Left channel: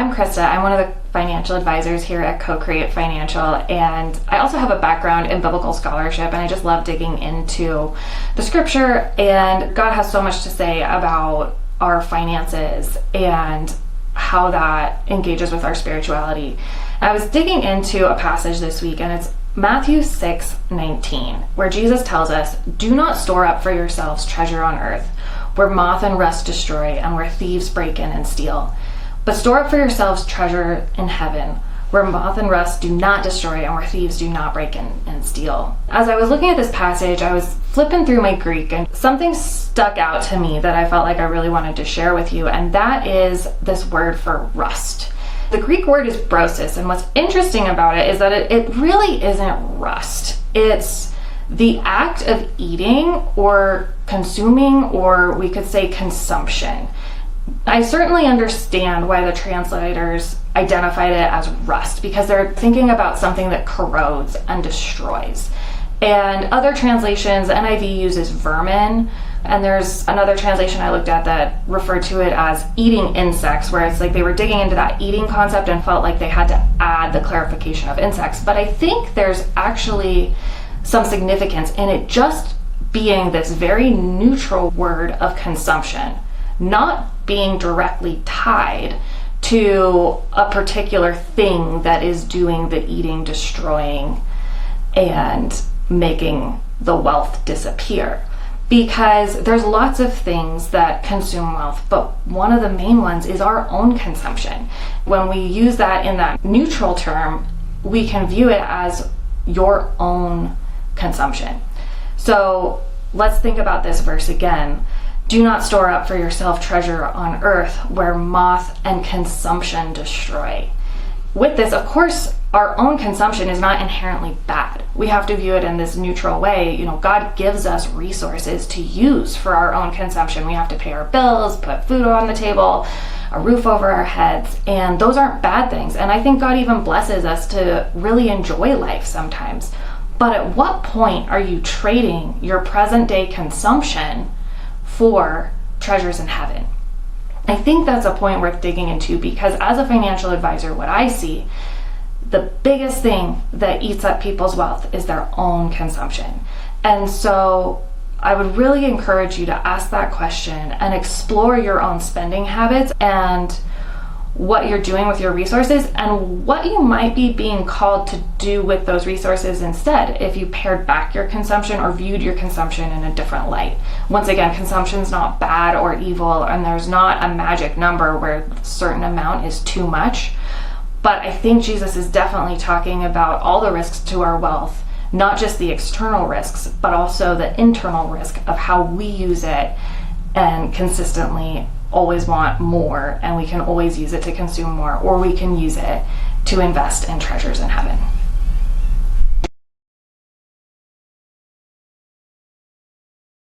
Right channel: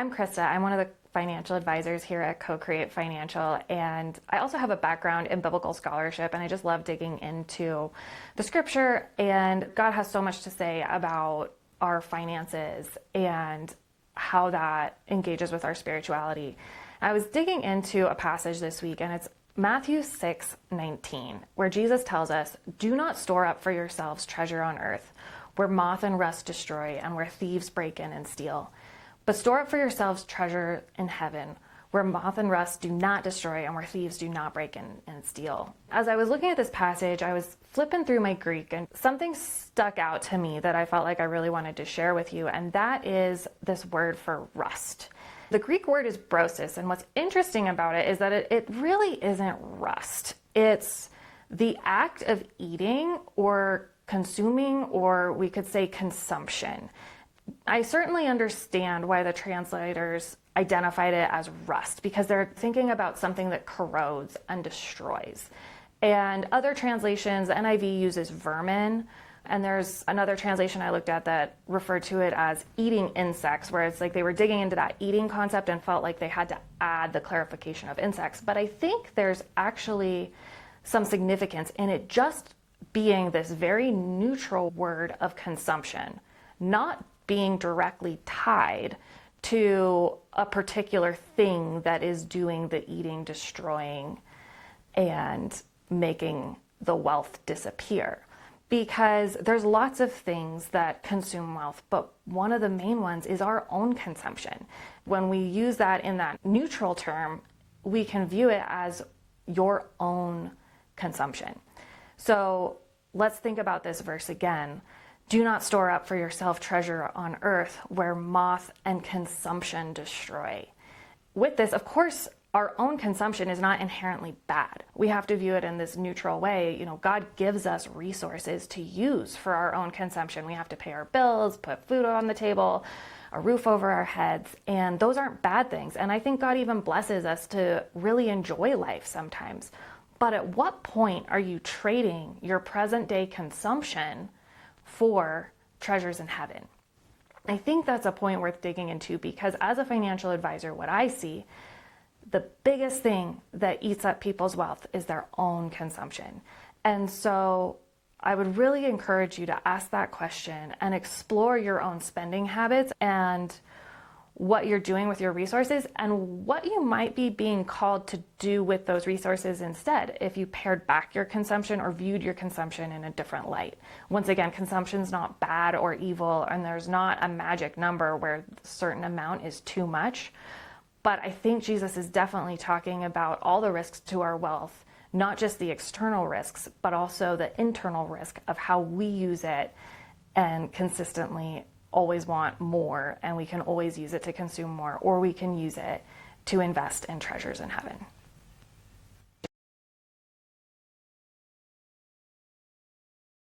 I'm Christa. I'm one of the financial advisors here at CoCreate Financial, and I also have a background in biblical scholarship, and I just love digging into the scripture, and God has so much to say about our finances and how that engages with our spirituality. I was digging into a passage this week, and it's Matthew 6:19, where Jesus tells us, "Do not store up for yourselves treasure on earth, where moth and rust destroy and where thieves break in and steal. But store up for yourselves treasure in heaven, where moth and rust do not destroy and where thieves do not break in and steal." As I was looking at this passage, I was flipping through my Greek, and something stuck out to me that I felt like I really wanted to share with you, and that is this word for rust. The Greek word is brosis, and what's interesting about it is that it really isn't rust. It's the act of eating or consuming, or we could say consumption. I certainly understand why the translators identified it as rust, because they're thinking about something that corrodes and destroys. And other translations, NIV uses vermin, and there's another translation I looked at that referred to it as eating insects, where it's like they were digging into that eating concept and felt like they had to add the clarification of insects. But I think there's actually some significance in it just being this very neutral word of consumption, not being directly tied to a particular thing that is doing the eating, destroying, and making the wealth disappear. Because there's lots of things that consume wealth, but one of the main ones is our own consumption. When we use that in that neutral term, we can view it as your own consumption. So let's think about this verse again. Do not store up for yourself treasure on earth where moth and consumption destroy. With this, of course, our own consumption is not inherently bad. We have to view it in this neutral way. You know, God gives us resources to use for our own consumption. We have to pay our bills, put food on the table, a roof over our heads, and those aren't bad things. And I think God even blesses us to really enjoy life sometimes. But at what point are you trading your present day consumption for treasures in heaven? I think that's a point worth digging into, because as a financial advisor, what I see, the biggest thing that eats up people's wealth is their own consumption. And so I would really encourage you to ask that question and explore your own spending habits and what you're doing with your resources and what you might be being called to do with those resources instead if you pared back your consumption or viewed your consumption in a different light. Once again, consumption's not bad or evil, and there's not a magic number where a certain amount is too much. But I think Jesus is definitely talking about all the risks to our wealth, not just the external risks, but also the internal risk of how we use it and consistently always want more, and we can always use it to consume more, or we can use it to invest in treasures in heaven.